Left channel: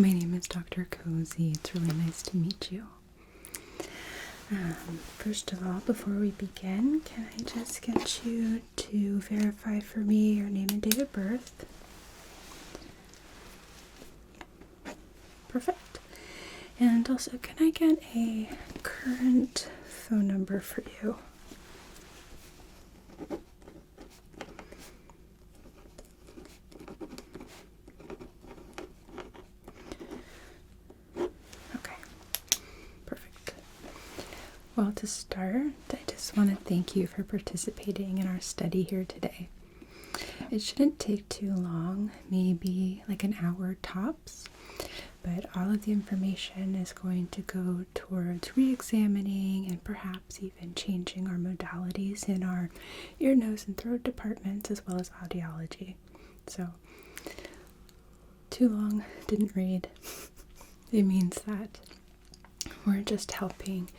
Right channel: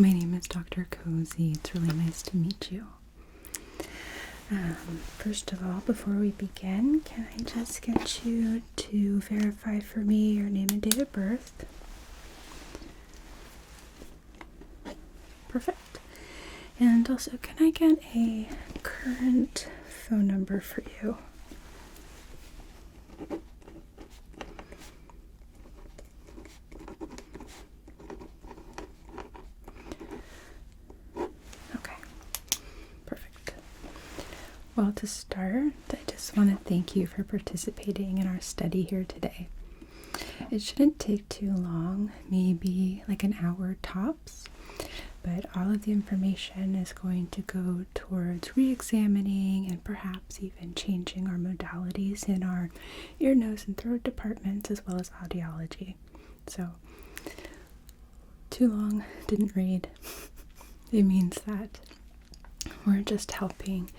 My name is Dr. Cozy. It's really nice to meet you. First of all, before we begin, can I just get you to verify for me your name and date of birth? Perfect. And also, can I get a current phone number for you? Okay, perfect. Well, to start, I just want to thank you for participating in our study here today. It shouldn't take too long, maybe like an hour tops, but all of the information is going to go towards re-examining and perhaps even changing our modalities in our ear, nose, and throat departments as well as audiology. So, too long, didn't read. It means that we're just helping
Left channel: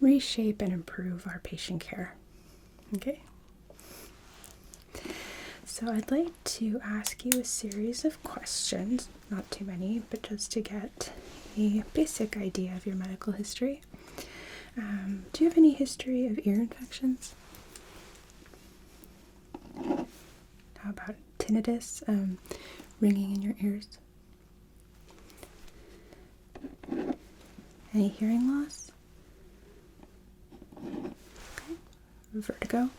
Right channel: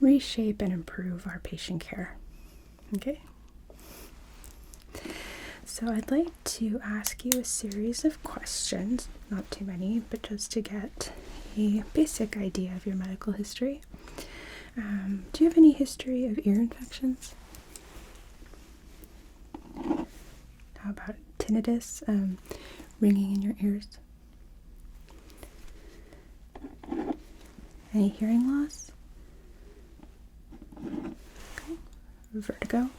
reshape and improve our patient care. Okay? So I'd like to ask you a series of questions, not too many, but just to get a basic idea of your medical history. Do you have any history of ear infections? How about tinnitus, ringing in your ears? Any hearing loss? Okay. Vertigo?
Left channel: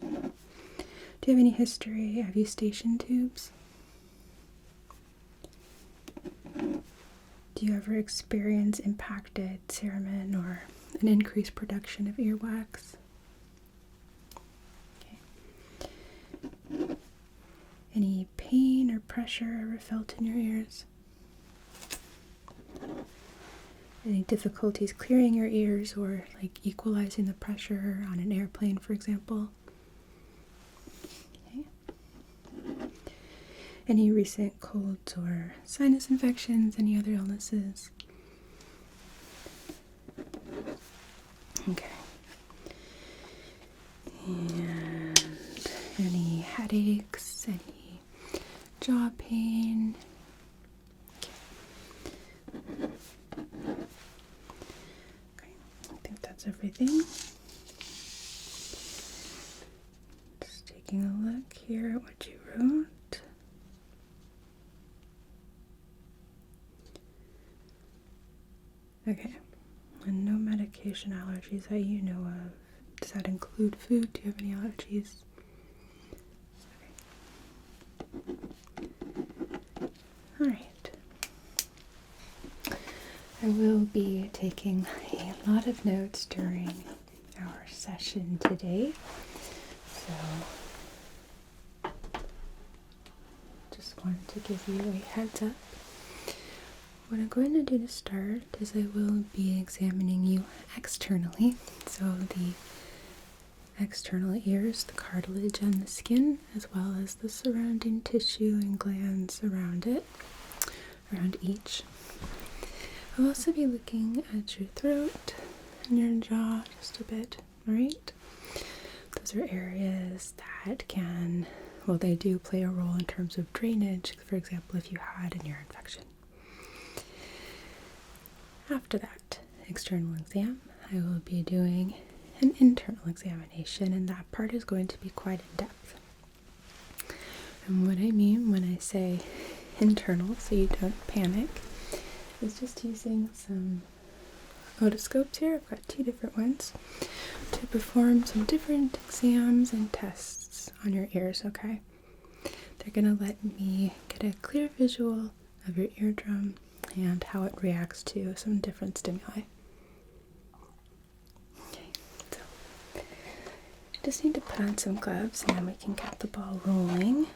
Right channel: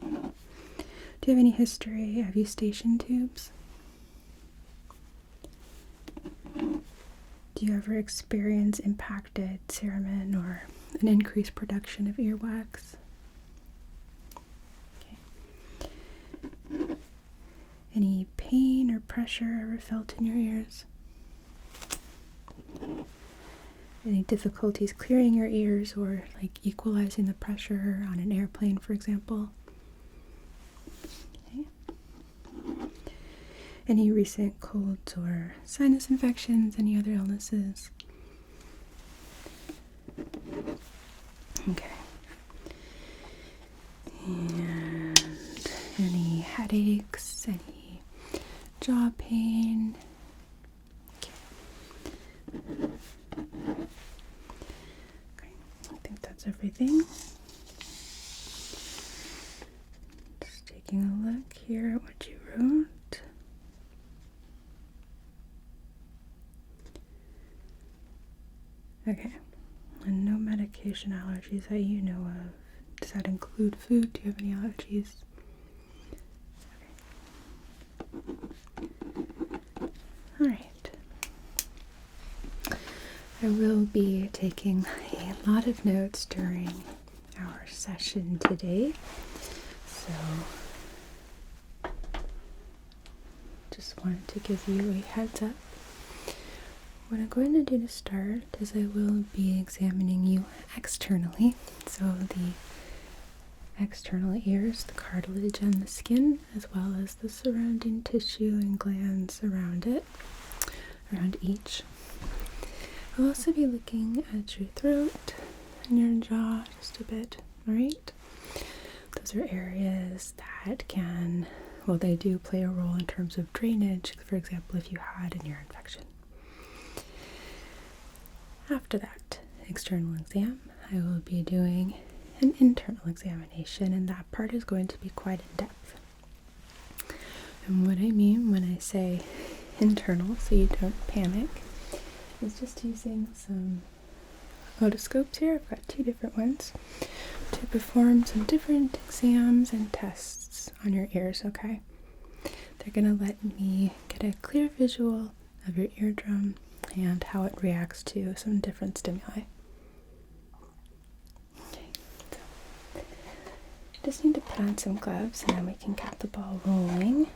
Do you have any history of eustachian tubes? Do you ever experience impacted cerumen or an increased production of earwax? Okay. Any pain or pressure ever felt in your ears? Any difficulties clearing your ears or like equalizing the pressure on an airplane, for example? Any recent colds or sinus infections, any other illnesses? Okay. And any headaches, any jaw pain? Okay. I think that's everything. Just taking a look here at what you wrote. Okay, and no medication allergies that you know of. Does that include food? Do you have any allergies? Alright. I will be taking a lot of notes during our session today, so just wanted to give you a heads up. What I'm going to do to start is I will be examining you externally, so the external ears, the cartilage and the skin, as well as the surrounding tissue and glands around it, around each. I'll also be looking at your throat and your jaw just a bit, alright? Those are areas that can, well, they do play a role in terms of drainage, for example, if you had an ear infection. After that external exam, I will be doing an internal examination, and that part is going to be quite in depth. And what I mean when I say internal, so you don't panic, is just using some otoscopes here. I've got 2 different ones to perform some different exams and tests on your ears, okay? They're going to let me get a clear visual of your eardrum and how it reacts to some different stimuli. Okay, so just need to put on some gloves and then we can get the ball rolling.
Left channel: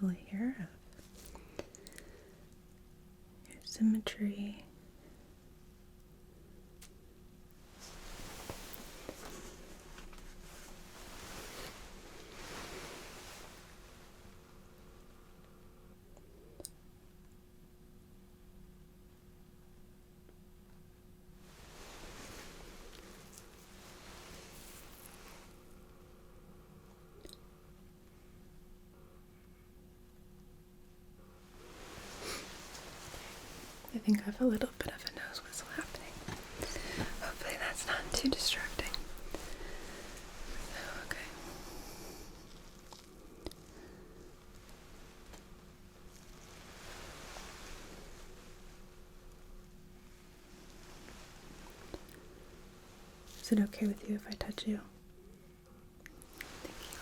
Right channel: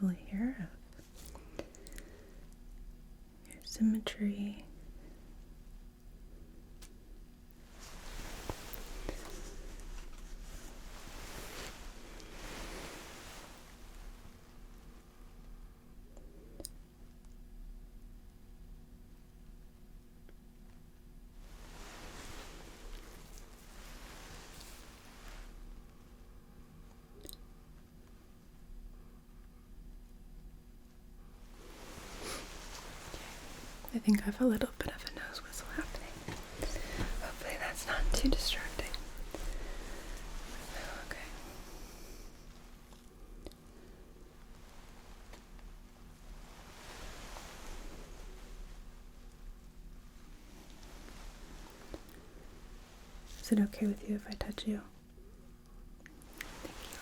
reversal here of your symmetry. I think I have a little bit of a nose whistle happening. Hopefully that's not too distracting. Okay. Is it okay with you if I touch you? Thank you.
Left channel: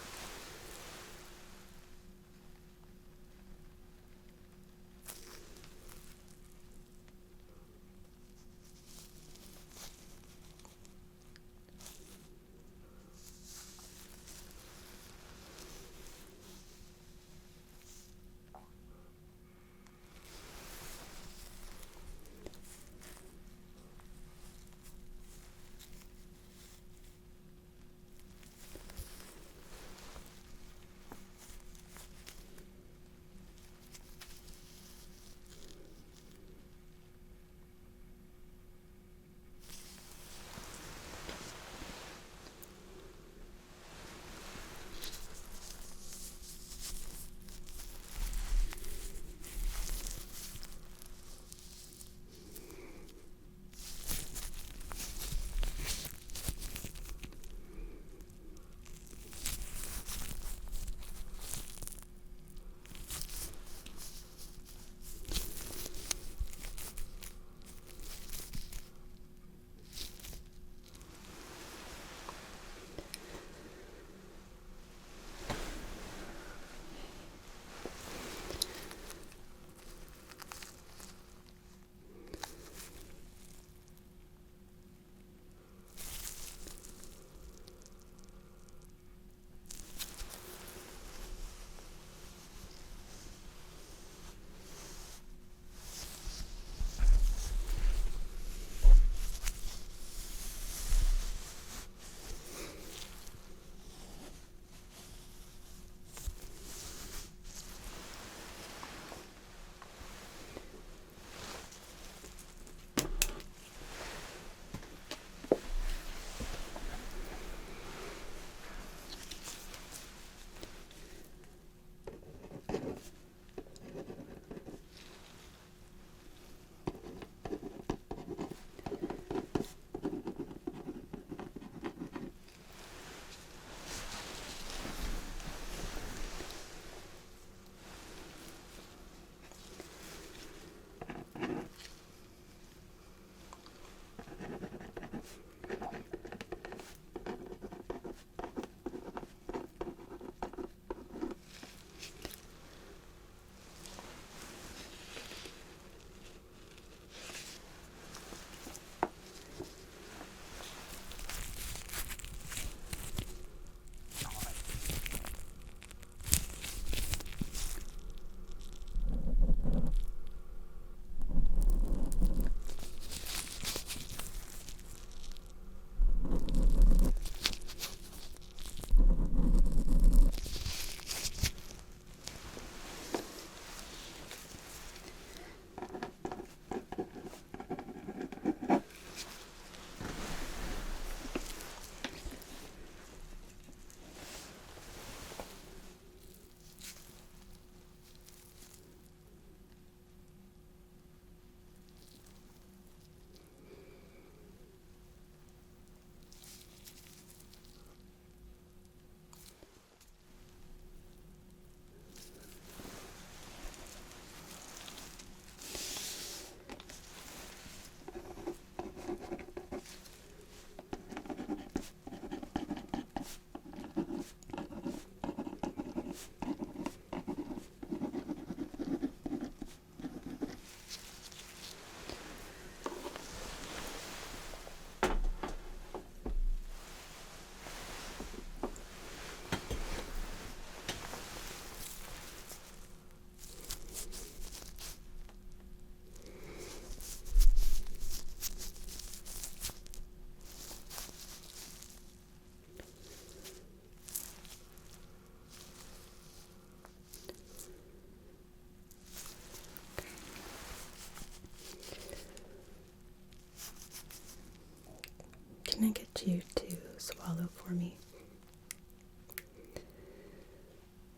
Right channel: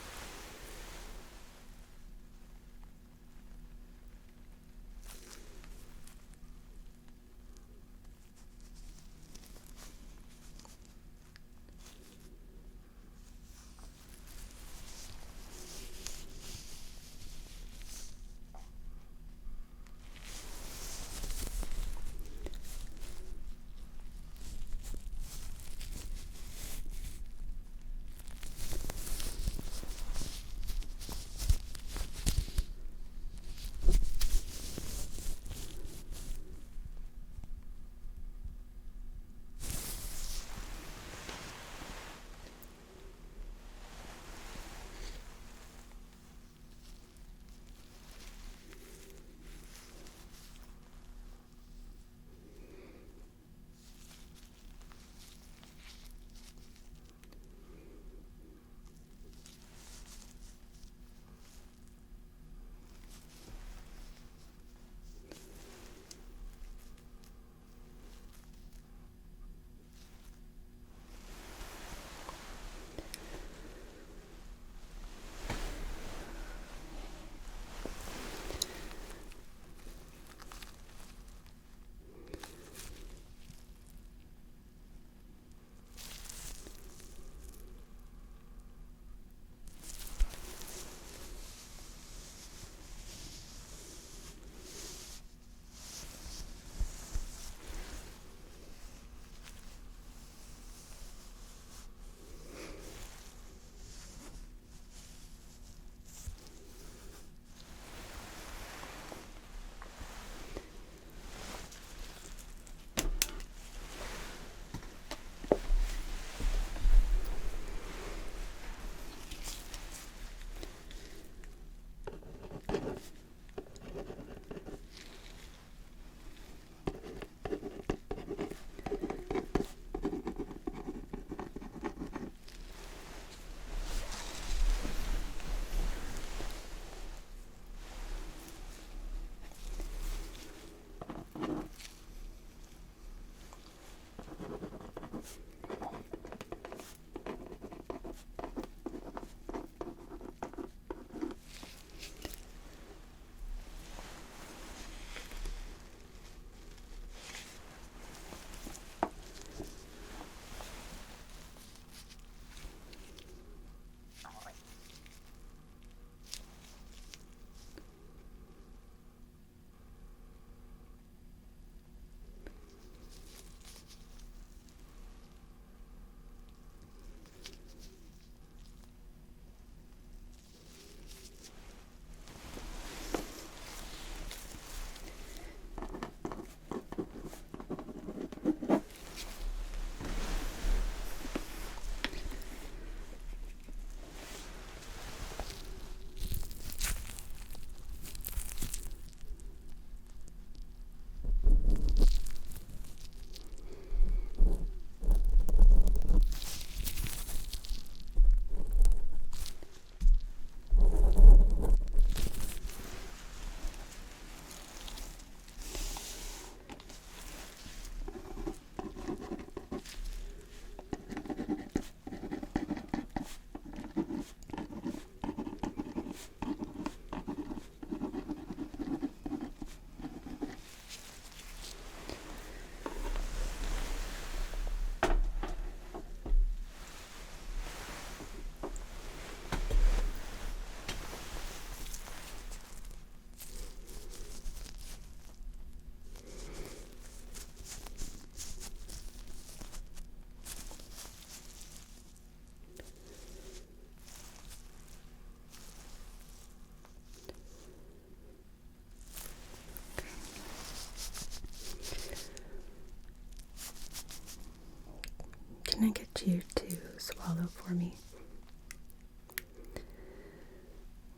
Can I get you to swallow for me?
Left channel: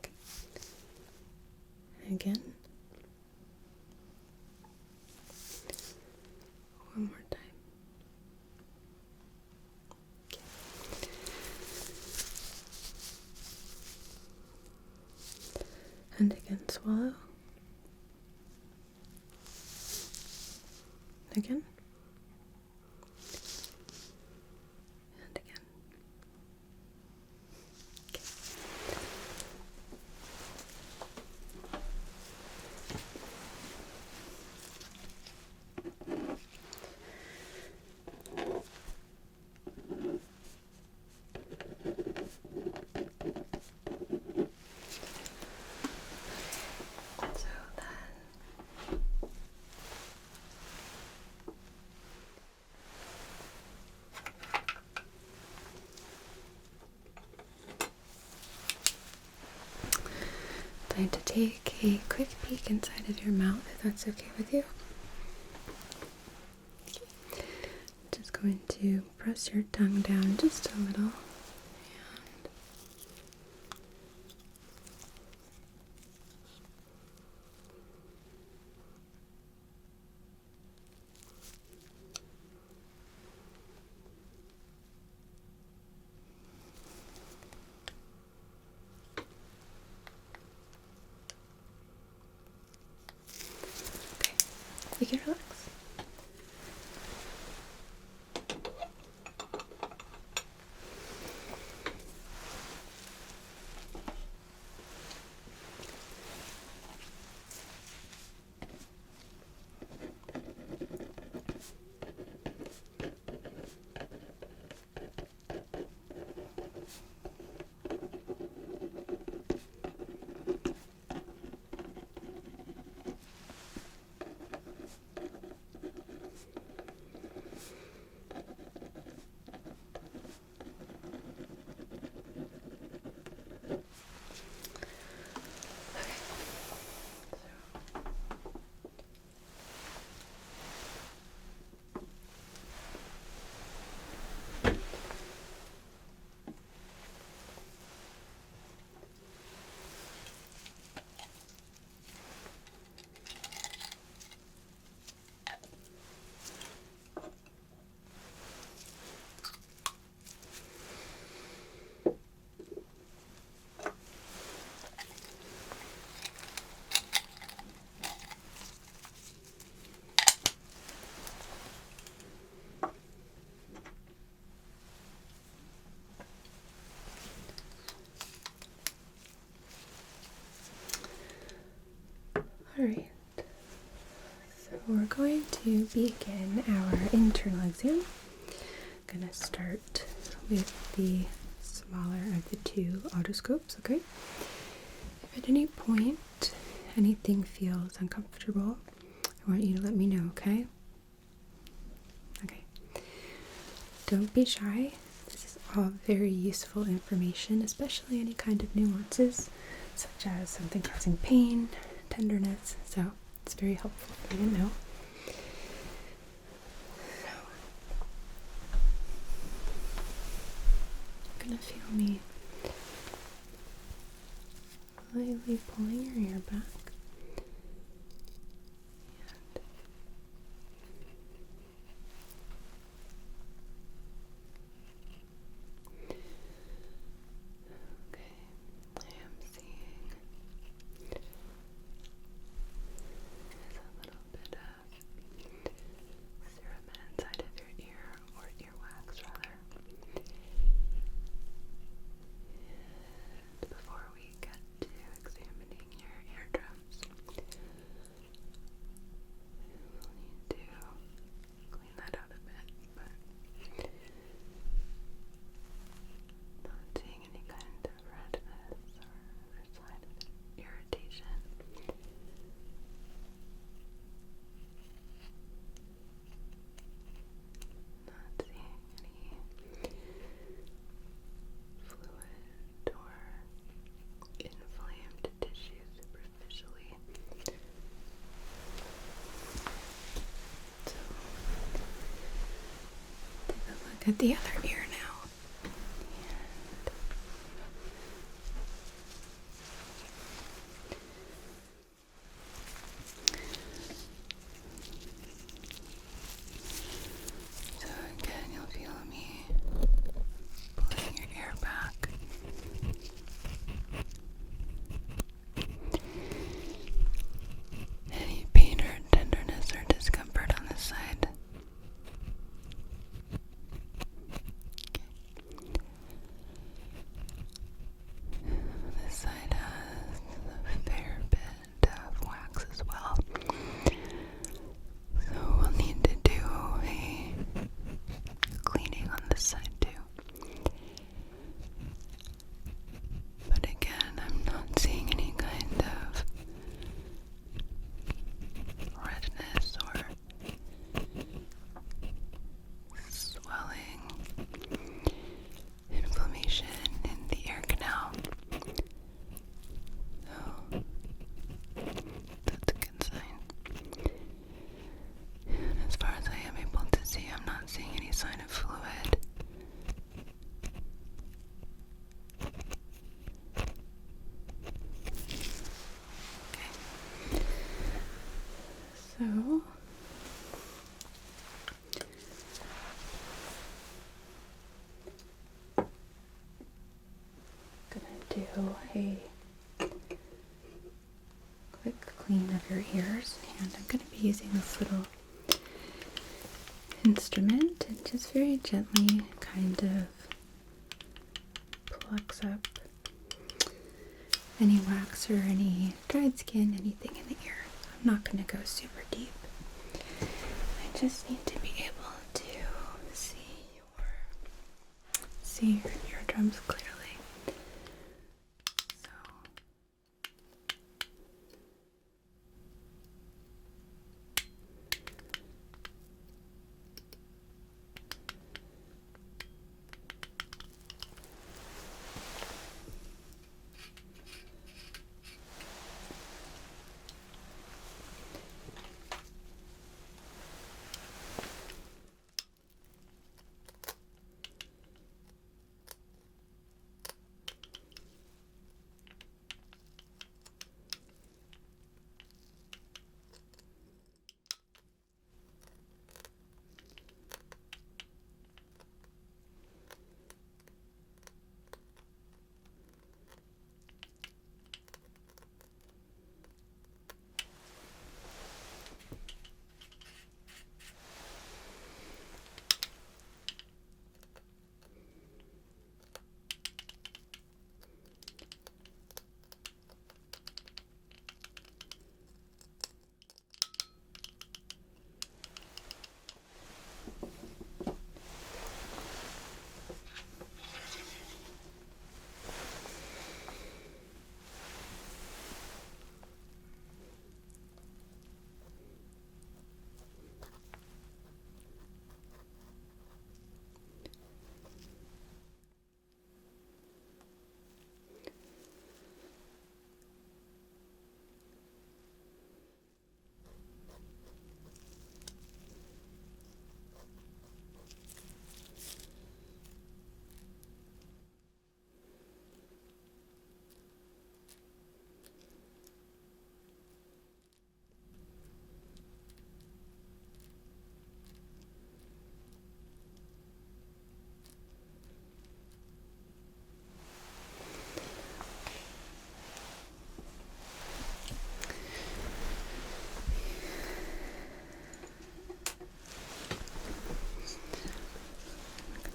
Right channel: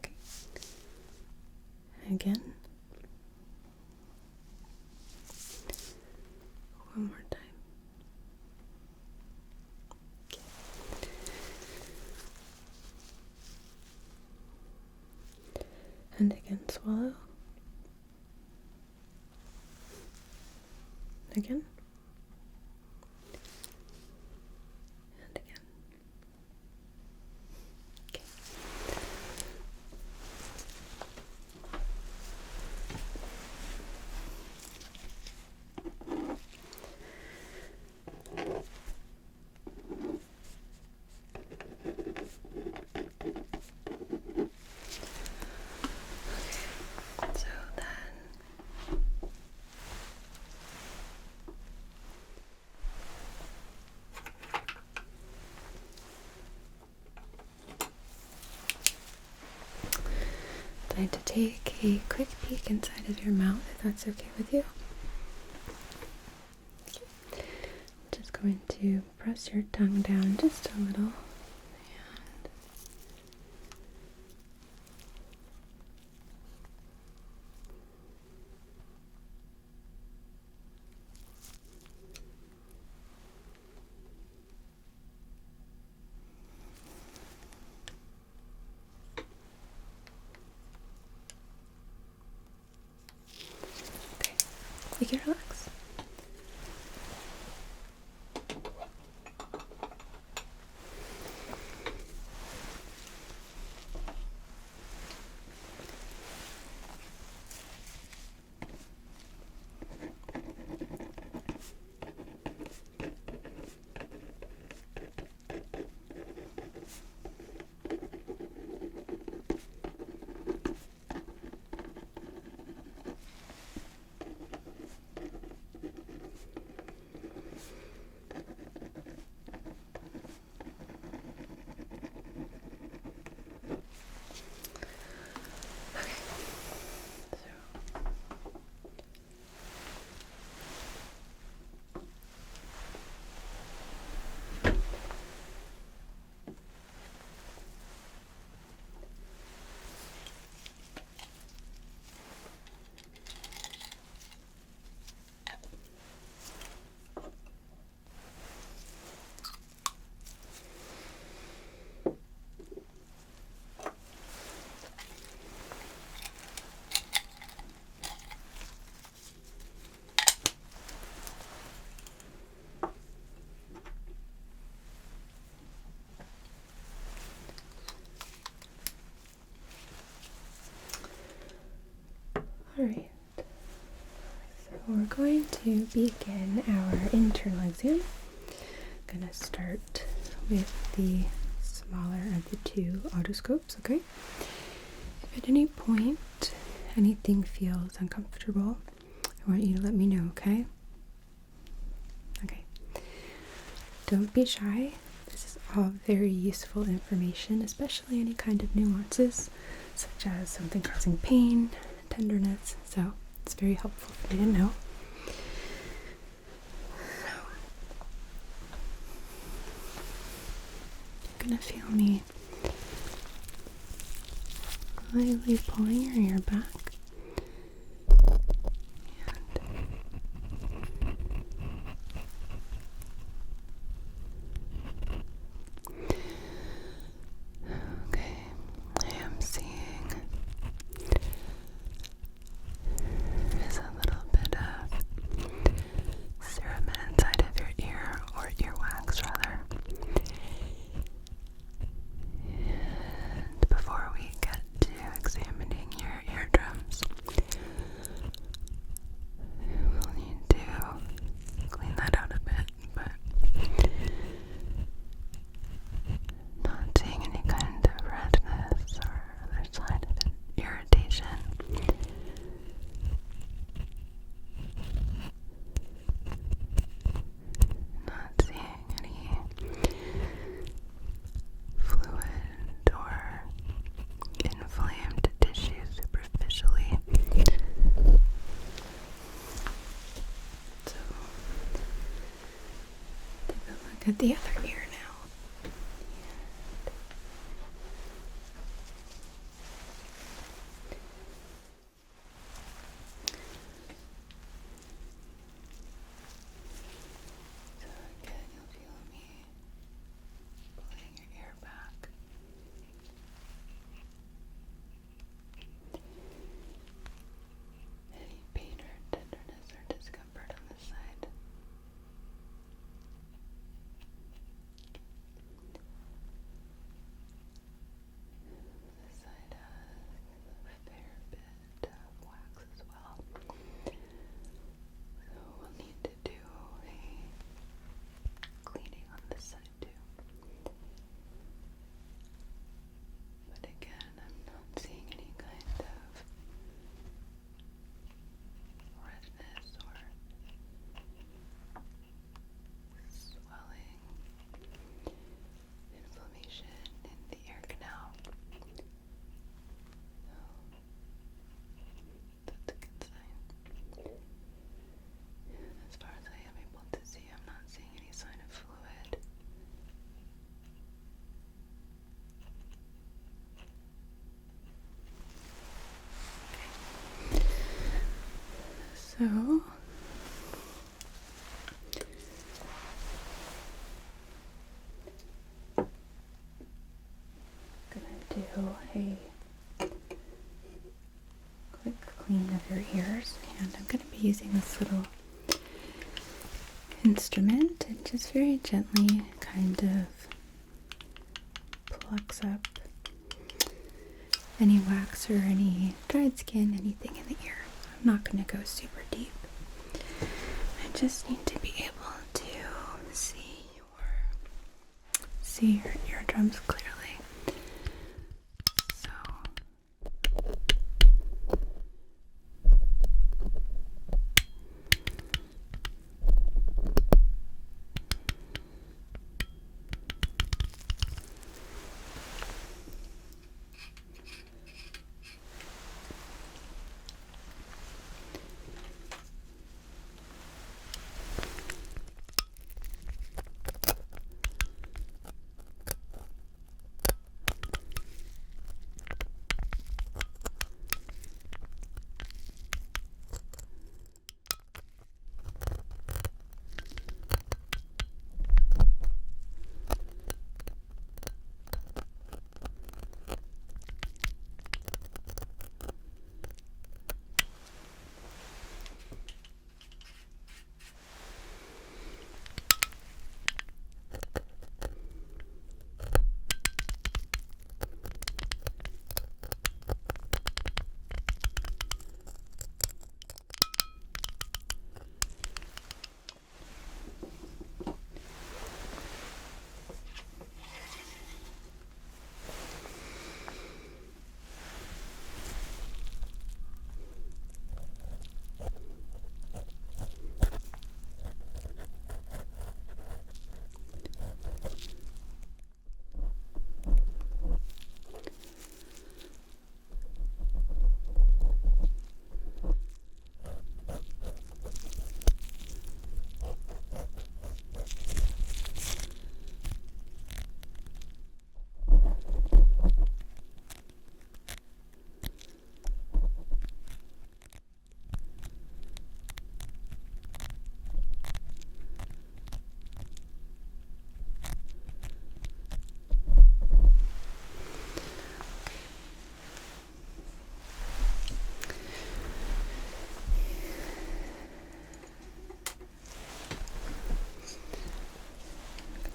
Okay. Again. One more time. Okay. And again, swallow. Again. And again. Okay. So then time to take a quick peek inside of your mouth, if that's okay with you. Okay. Just going to press your tongue down just a little. Okay, you can relax. Alright, so we're going to begin our internal exam. I'm going to start with the smaller of the two otoscopes, okay? If at any point anything feels uncomfortable, I want you to let me know, okay? Okay. Don't be shy. This is all very useful information, especially any kind of nuances, such as something causing pain, tenderness, so it's very helpful for you to know. You're gonna feel me lightly pulling your ear back. Okay, I am seeing there's a little bit of serum inside of your ear, or earwax rather. And before we get to examining your eardrums, at the other ear now. So again, you'll feel me pulling your ear back. Any pain or tenderness or discomfort on this side? This side has a fair bit of wax as well. So we'll need to do a cleaning on this side too. But again, I'm not seeing any kind of redness or swelling, inflammation in the ear canal. So that's a good sign. And as far as I am able to see, I'm not seeing any sign of fluid. Okay. So gonna do a quick clean of your ears, and I'm gonna be using this little instrument and just very gently kind of plucks up any wax or any dried skin, anything in the ear. I'm not going to go super deep. I just need to be able to see your eardrums clearly. So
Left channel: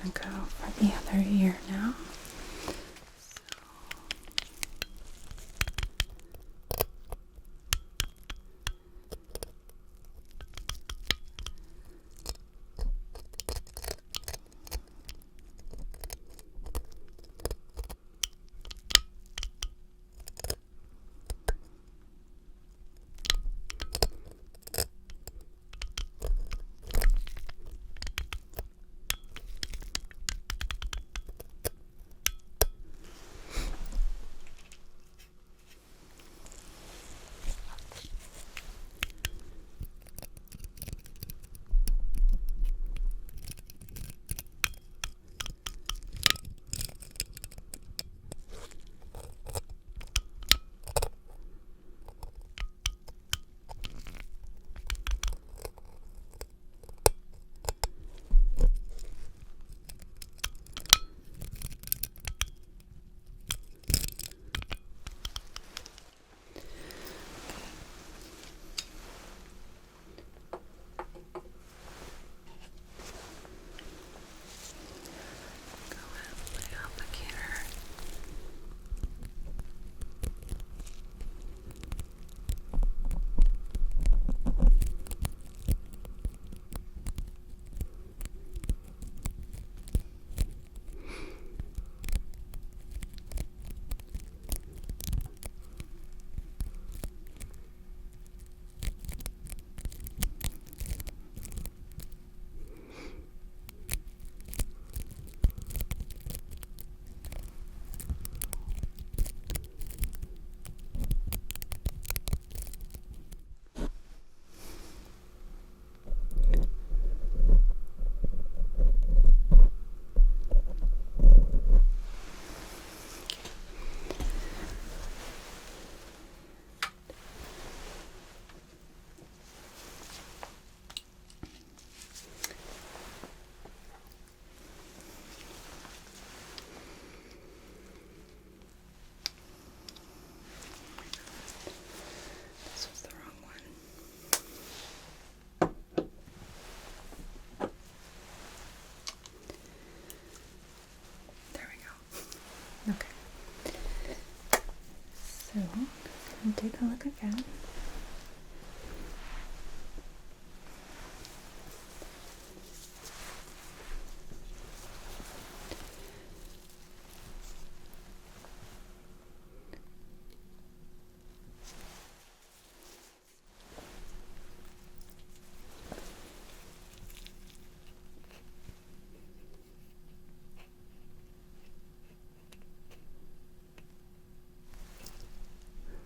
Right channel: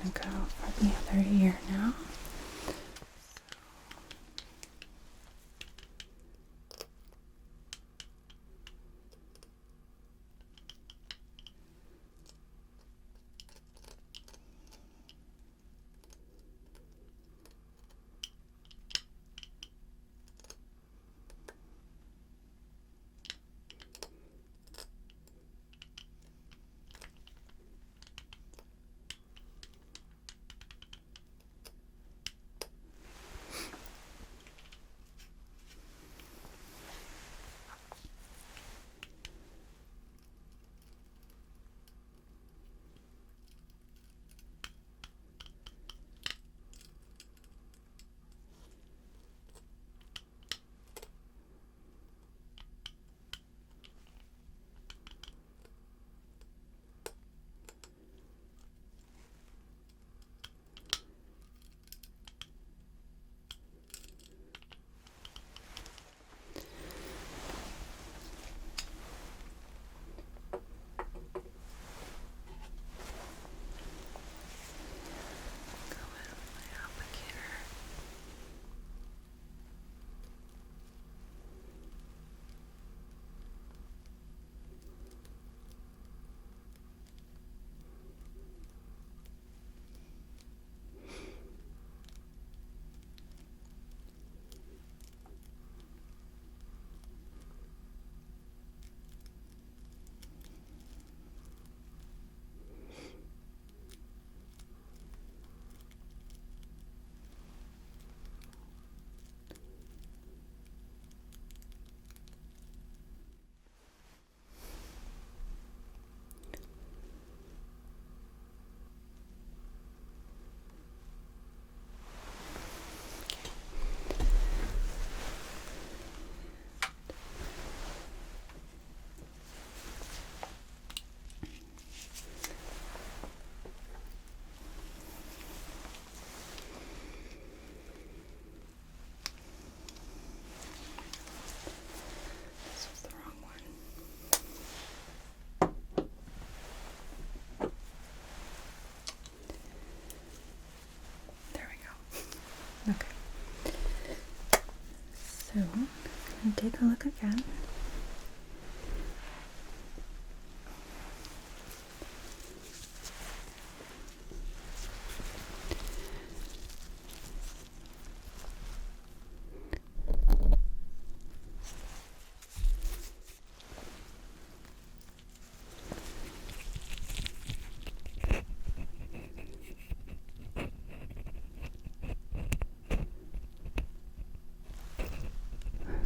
I'm going to go for the other ear now. take a look again.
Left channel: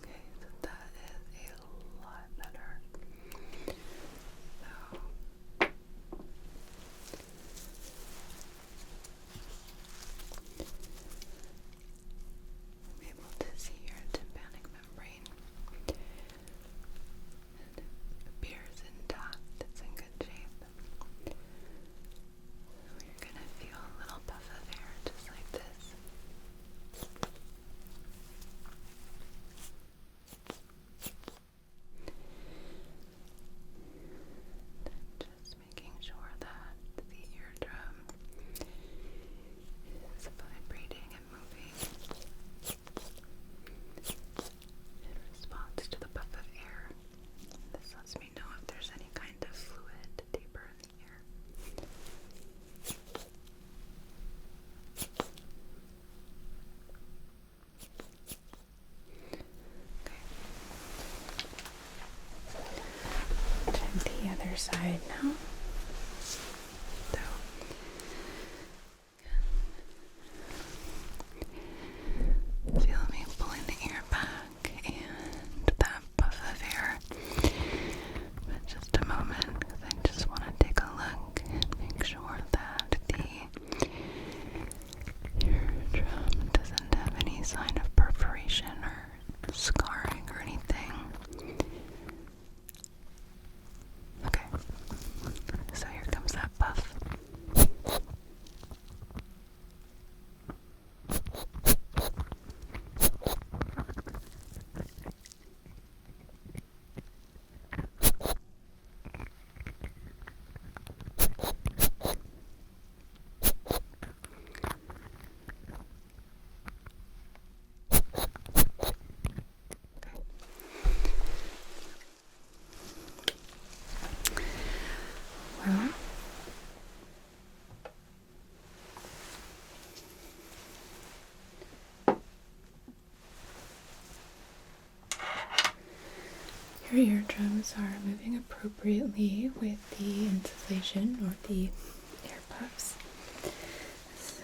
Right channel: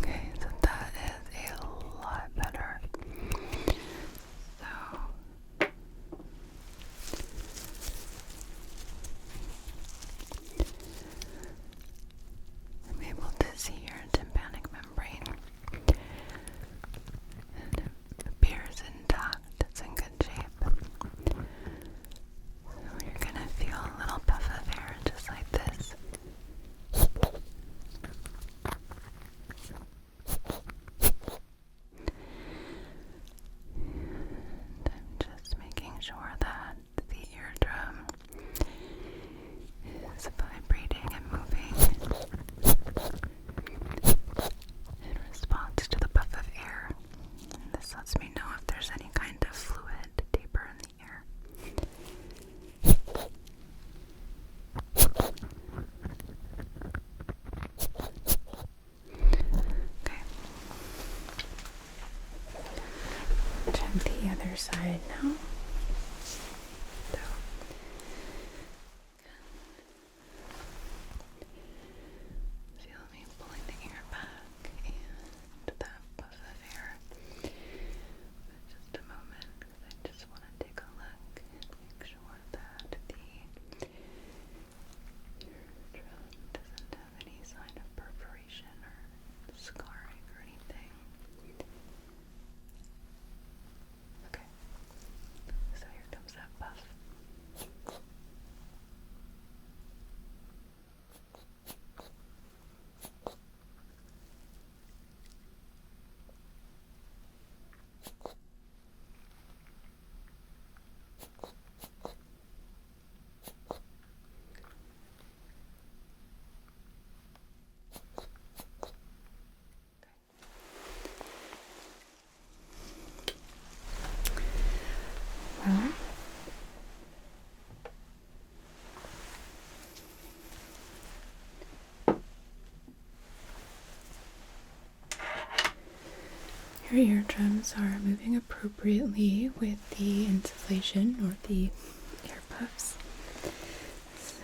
Okay, so that is a lot better. So I'm able to see your tympanic membrane. It appears intact, it's in good shape. So you're gonna feel a little puff of air just like this. And I'm just making sure that the eardrum is vibrating and moving in response to the puff of air. And this lets me know if there's any kind of fluid deeper in the ear. Okay. Check the other side now. Feel me pulling the ear back and that puff of air. But just a moment, because I just want to take a look and make sure that the eardrum doesn't have any sign of perforation or scarring or anything. Okay, so here comes that puff. Well, your eardrums are moving appropriately with the insufflation or the air puffs. So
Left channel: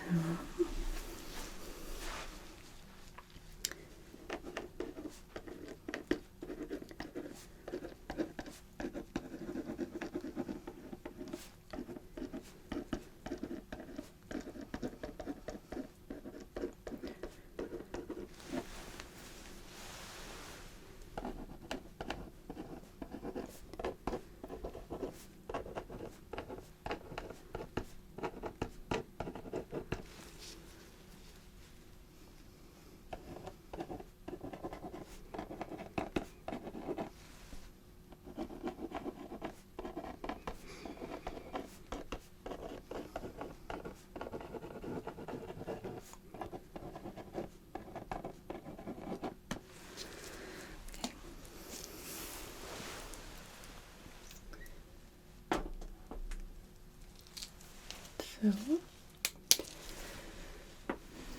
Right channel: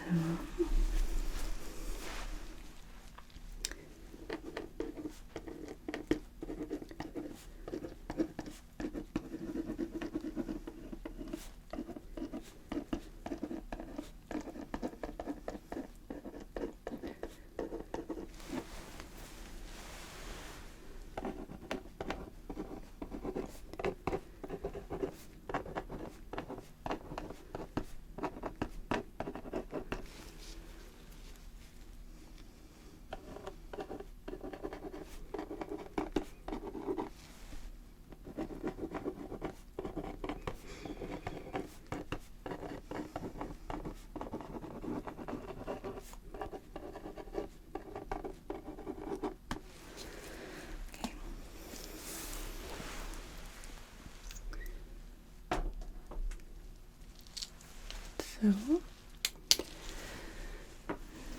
So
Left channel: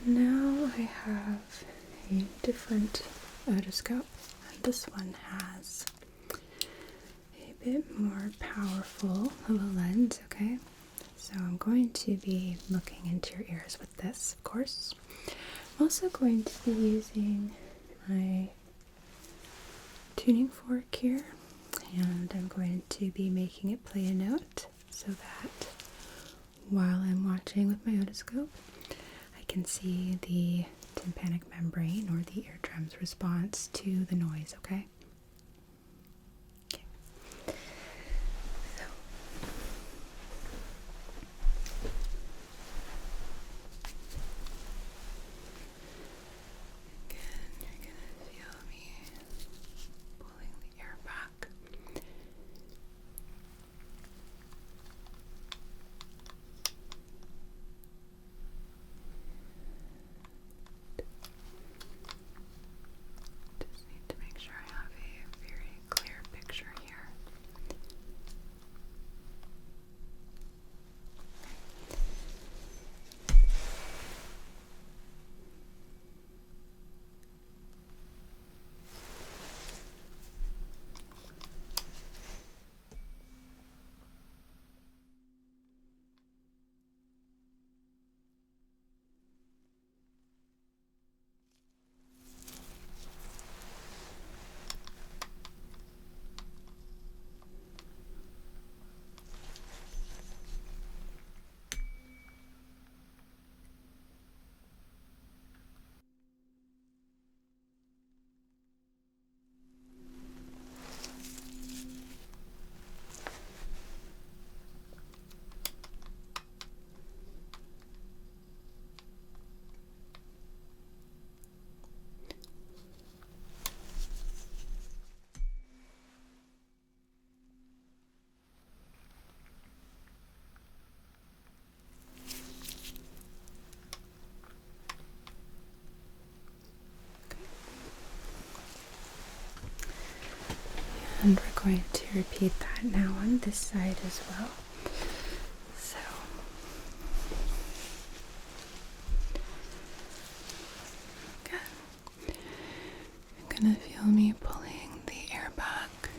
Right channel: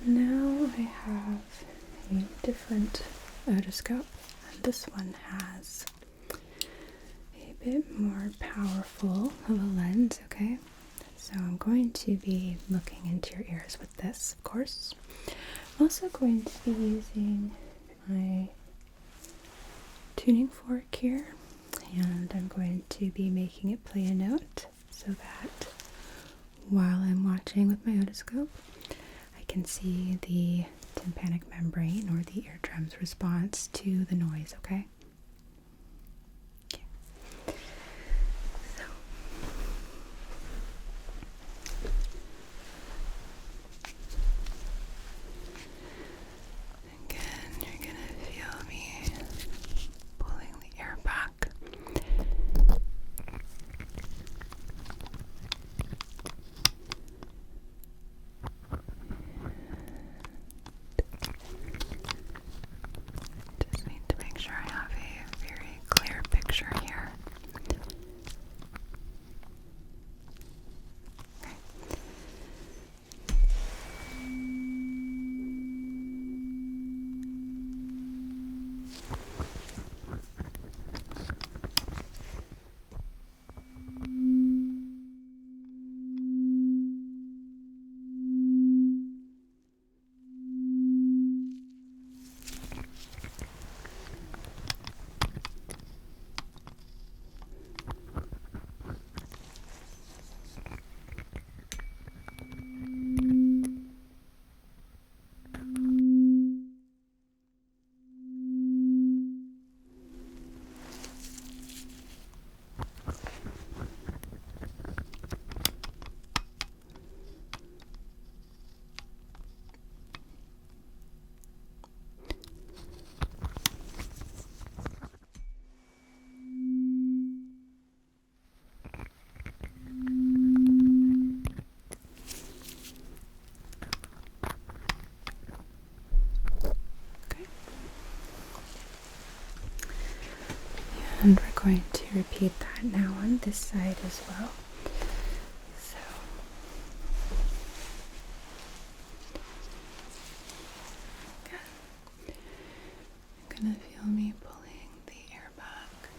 now I have a different otoscope. This one has a bit more powerful of a lens, okay? So I'm going to be looking into your ears with this, of course. I'm also going to be using my tuning fork here, and I'm going to be making it play a note so that while I'm watching with my otoscope, I can see the tympanic membrane or the eardrum's response to the noise, okay? So, Again, you're gonna feel me pulling the air back. Just need to make sure I going to repeat that now on this side as well. So okay. You're gonna feel me pulling the air back.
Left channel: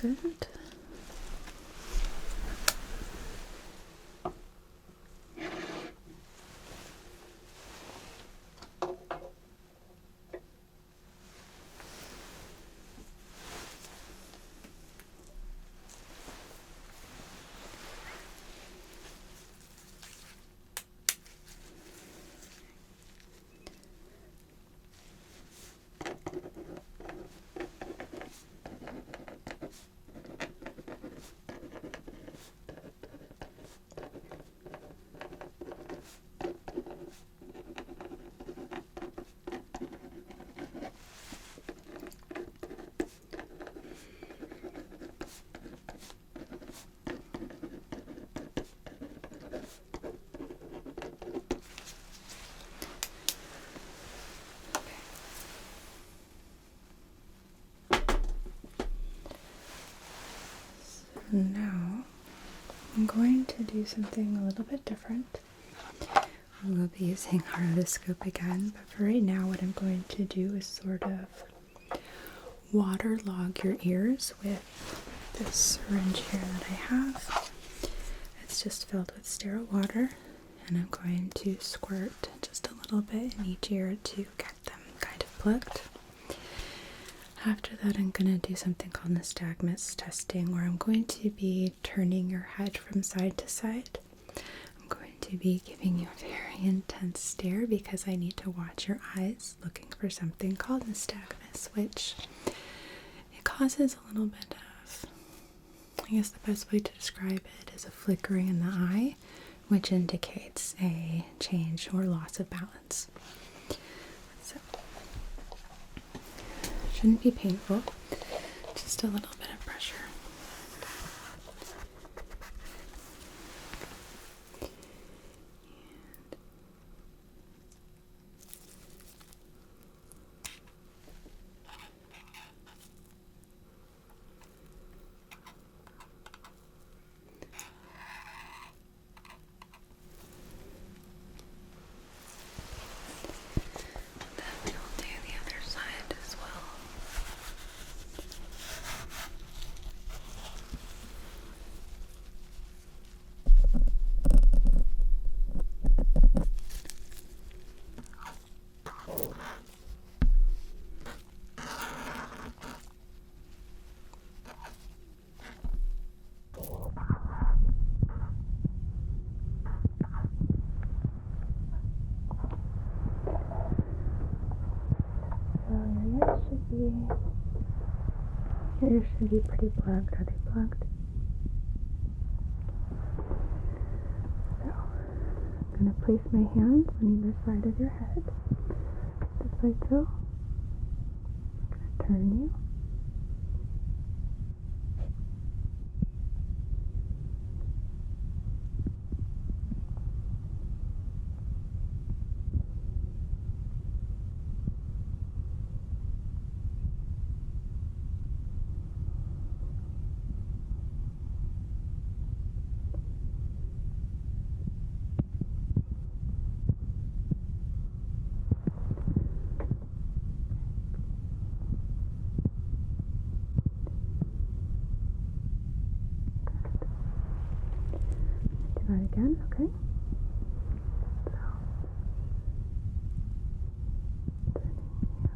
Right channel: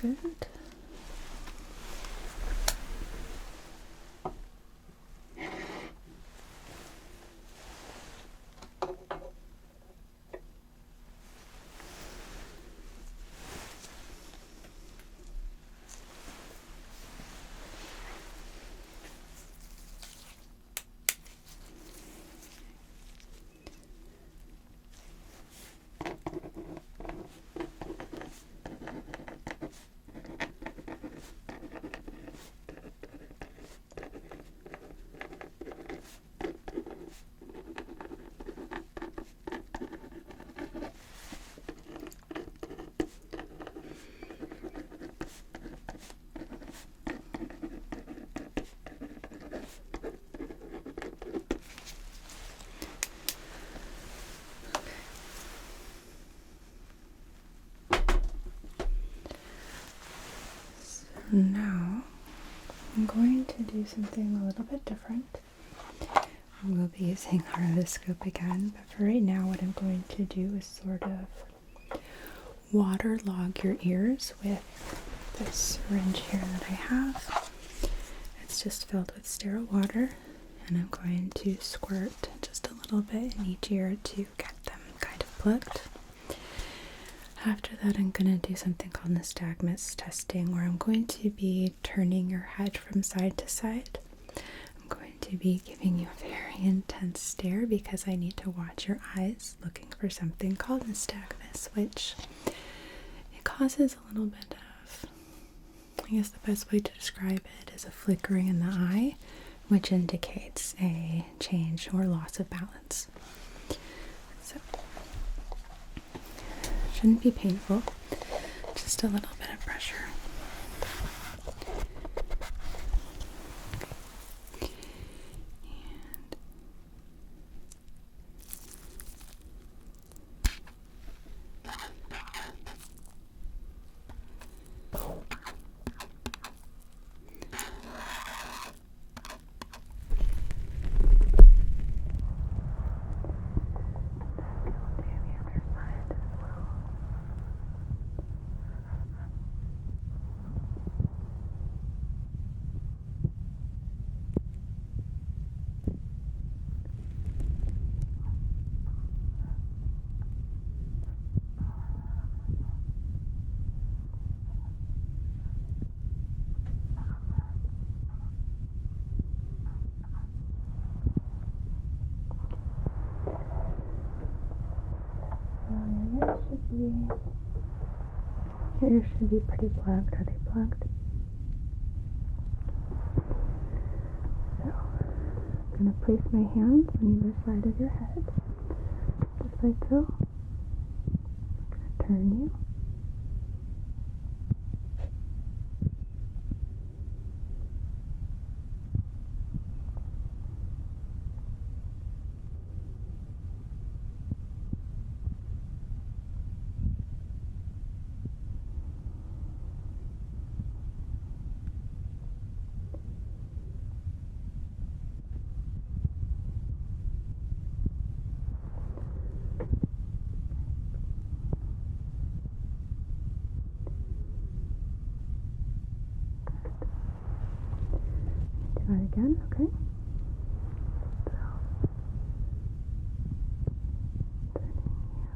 Good. Now, I'm going to do something a little bit different. We'll be using our otoscope again, but for right now, what I'm going to do is sort of waterlog your ears with this syringe here that I have. It's just filled with sterile water, and I'm going to squirt just a little bit in each ear to get them kind of plugged. After that, I'm going to do something called nystagmus testing, where I'm going to be turning your head from side to side. I'm going to be giving you a very intense stare because I need to watch your eyes, looking for something called nystagmus, which it causes a little bit of, I guess the best way to describe it is a flickering in the eye, which indicates a change or loss of balance. So shouldn't be painful, just a little bit of pressure. Your ears should be pretty plugged. Are they plugged? So, I'm going to place my hands on either side of your head, just like so. I'm going to turn you. Do that again, okay? So, turning you.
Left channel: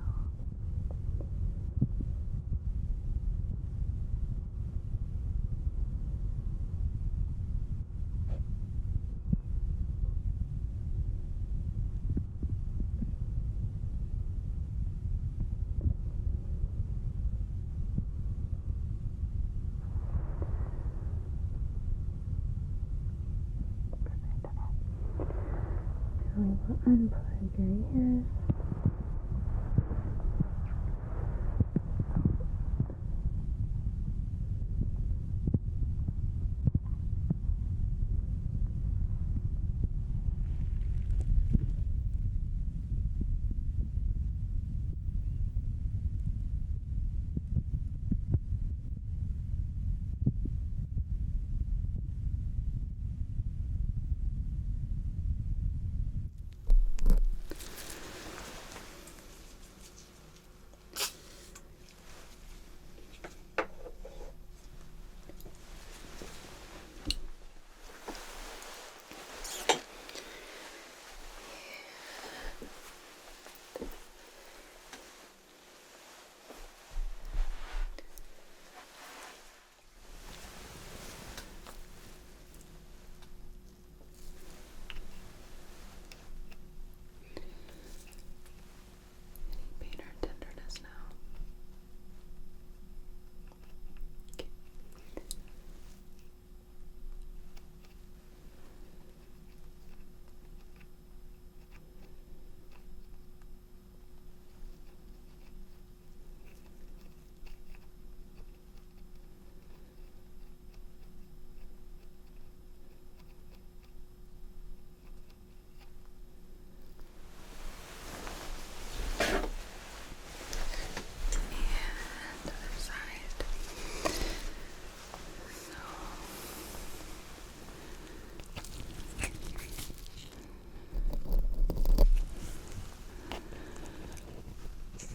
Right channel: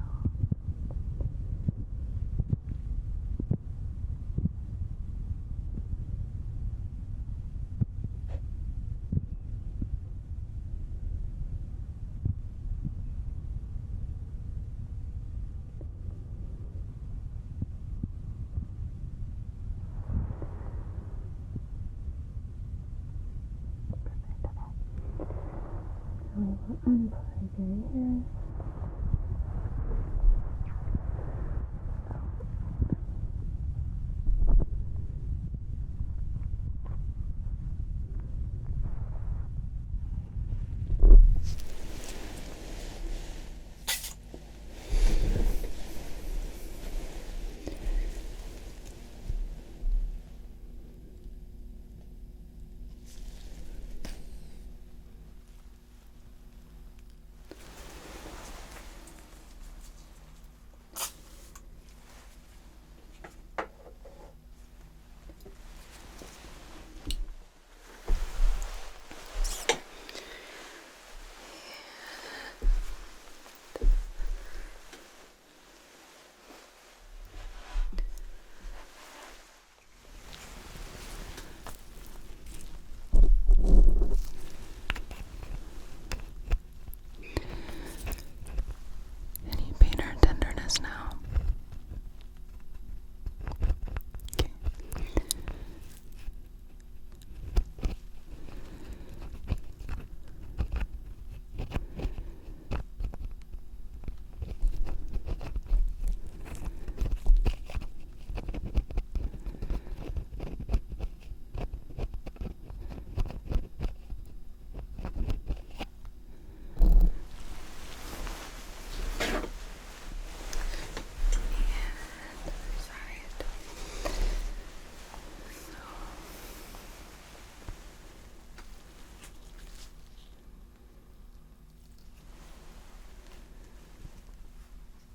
So we'll unplug your ears. Any pain or tenderness now? Okay.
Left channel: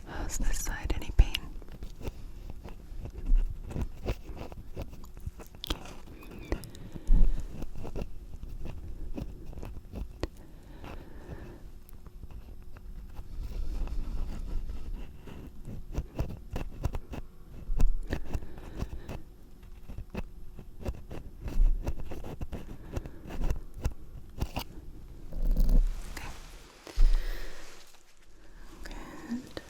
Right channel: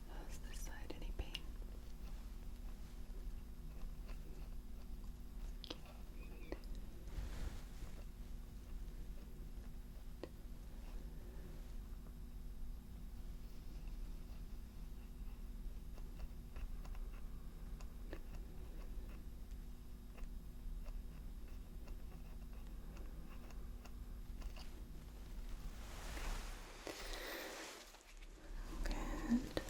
How's this side? Any pain? Good.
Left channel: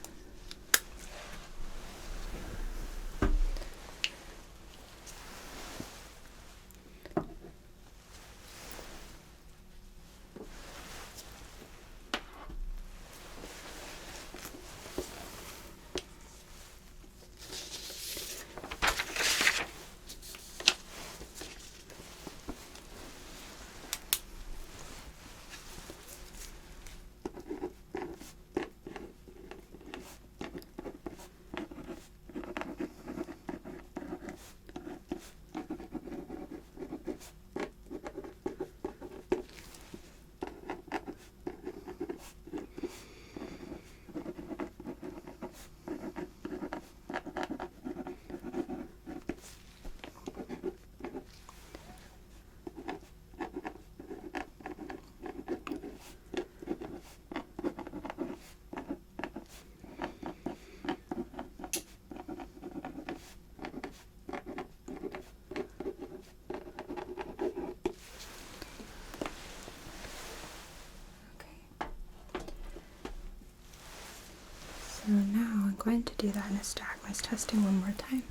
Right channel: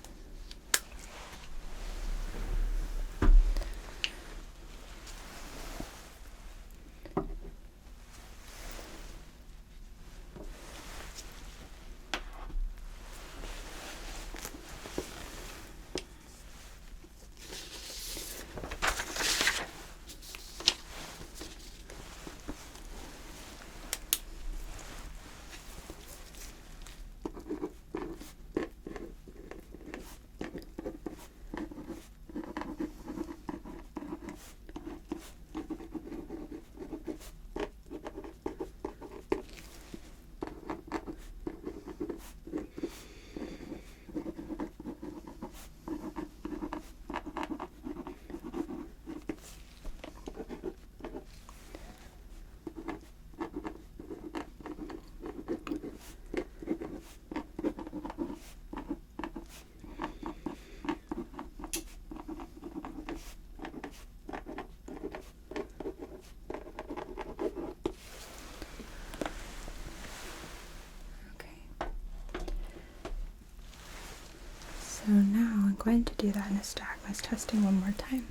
So now I'm going to do that nystagmus testing one more time.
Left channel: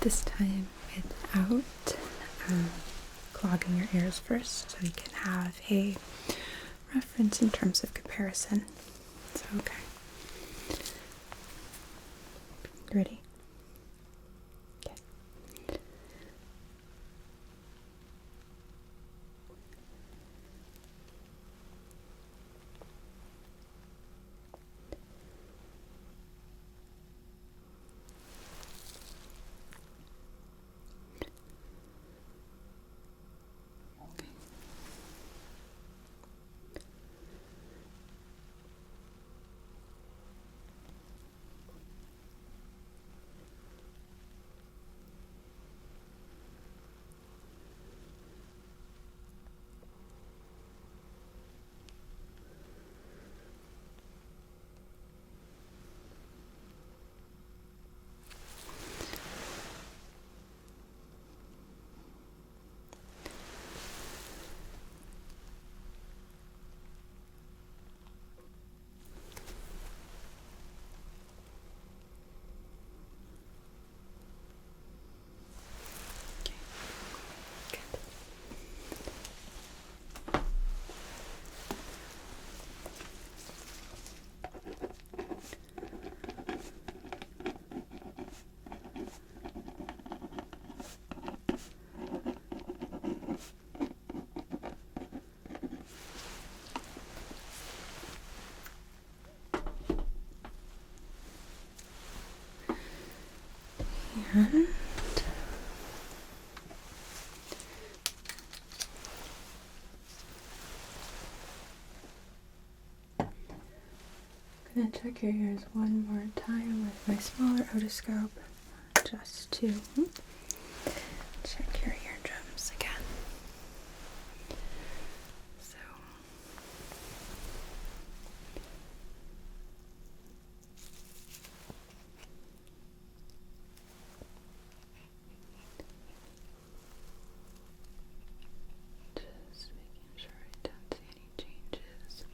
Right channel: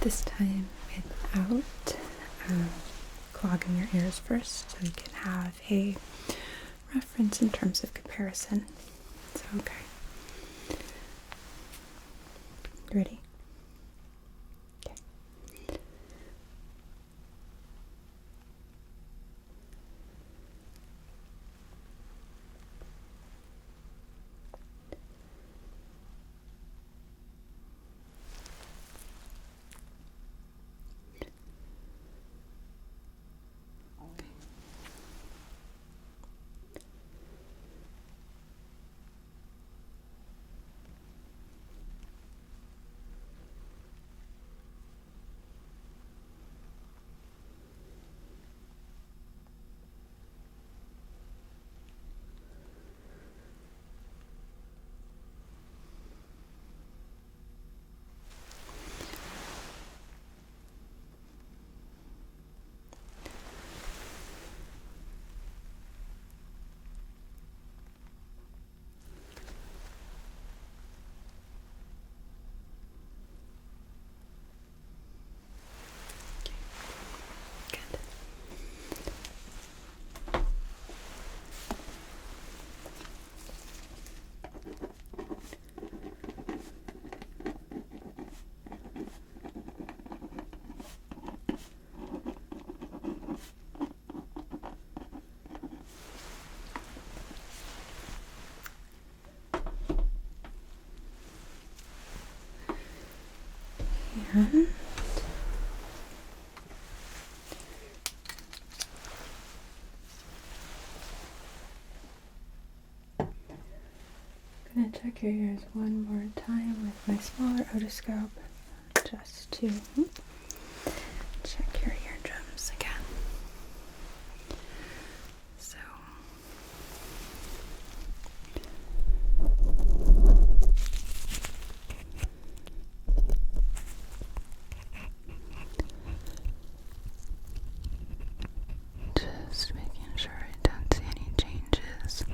This time without unclogging your ears first so we can have a reference in terms of comparison. So, okay. You ready? Okay. And I'm going to check your ears one more time with my smaller otoscope just to check your eardrums again. So Just making sure I don't see any changes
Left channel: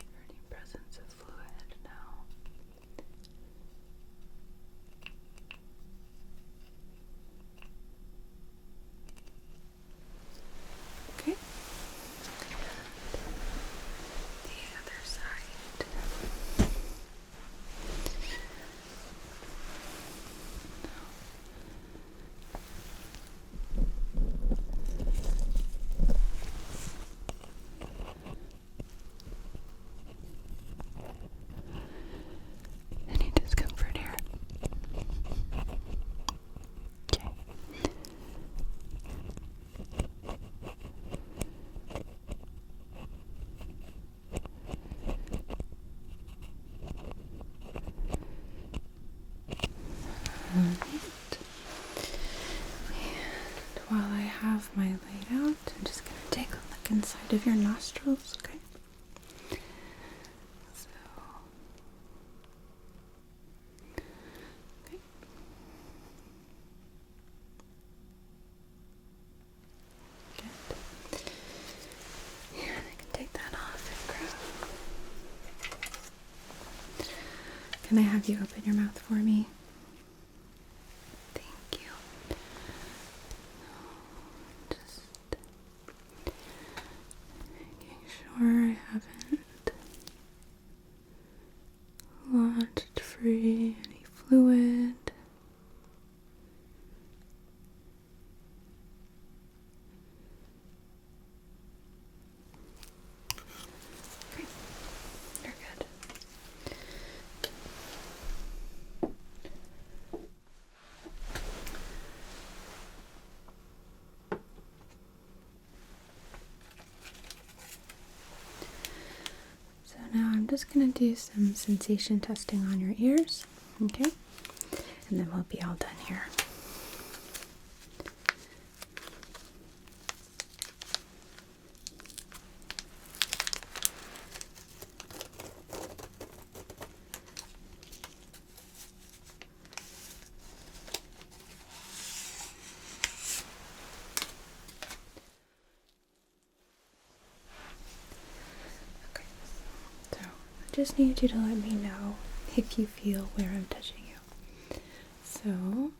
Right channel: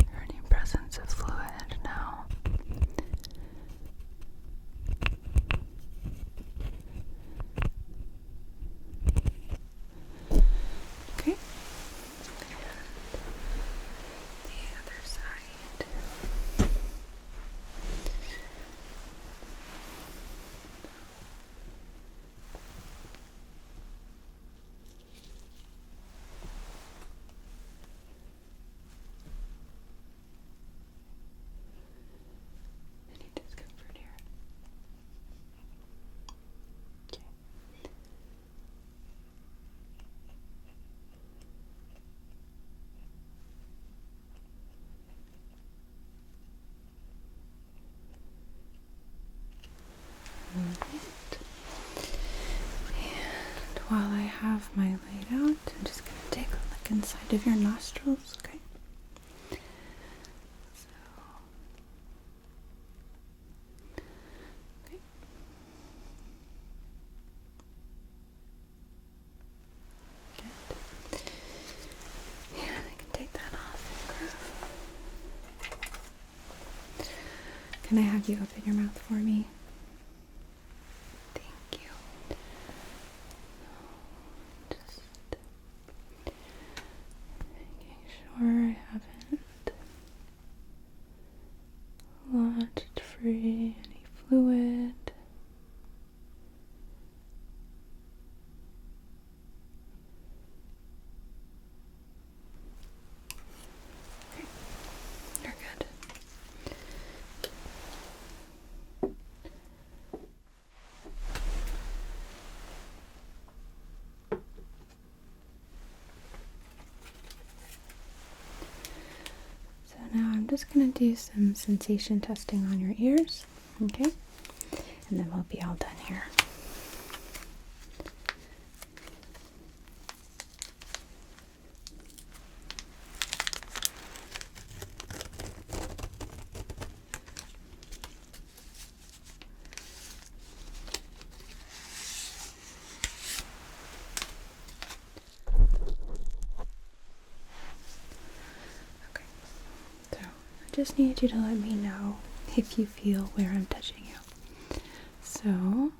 or any presence of fluid now. okay. The other side. Any discomfort here? Okay. And while I have my light out, I'm just going to take a look inside of your nostrils, okay? So, okay. Good. Yeah, I can take that off and grab. Can I have you open your mouth for me? Thank you. Just making sure I haven't launched free any fluid. Okay, you're good. So now I'm just going to do some sensation testing on your ears, okay? And then we'll be all done here. Okay, so I just need you to let me know if you feel where I'm touching you. So,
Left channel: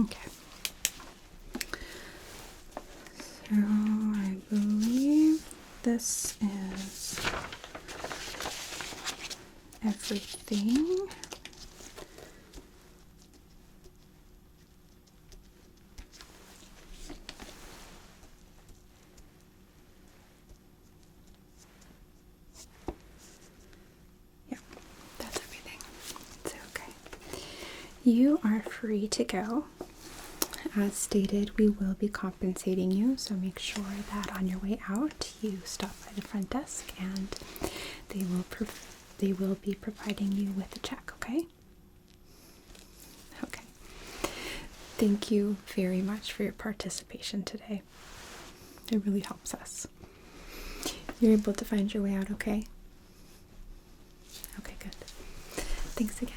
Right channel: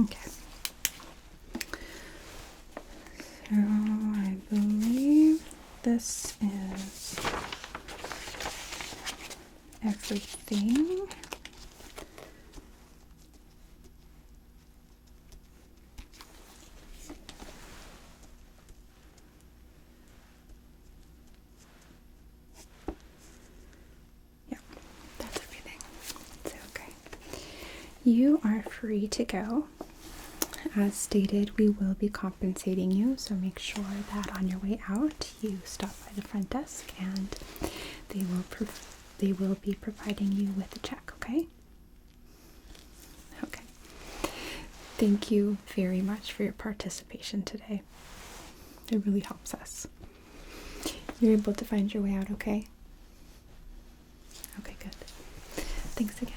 Okay. So I believe this is everything. Yeah, that's everything. It's okay. You are free to go. As stated, we will be compensating you, so make sure that on your way out you stop by the front desk and they will be providing you with a check, okay? Okay. Thank you very much for your participation today. It really helps us. You're able to find your way out, okay? Okay, good. Thanks again.